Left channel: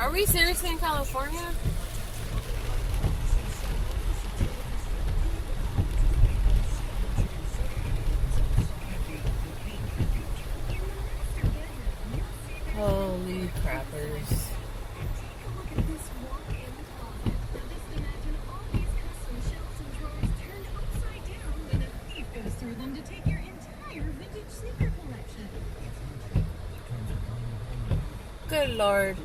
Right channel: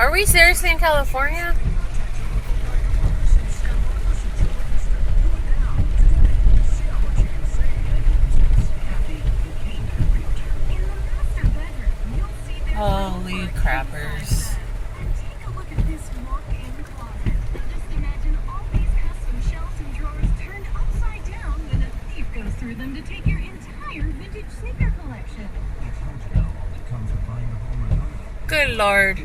Are we seriously in California? Holy crappers. Take a look at this walk-in closet. Just imagine all these custom shelves and drawers turned upside down when a thief goes through them to take your entire vintage sneaker collection. Good Lord.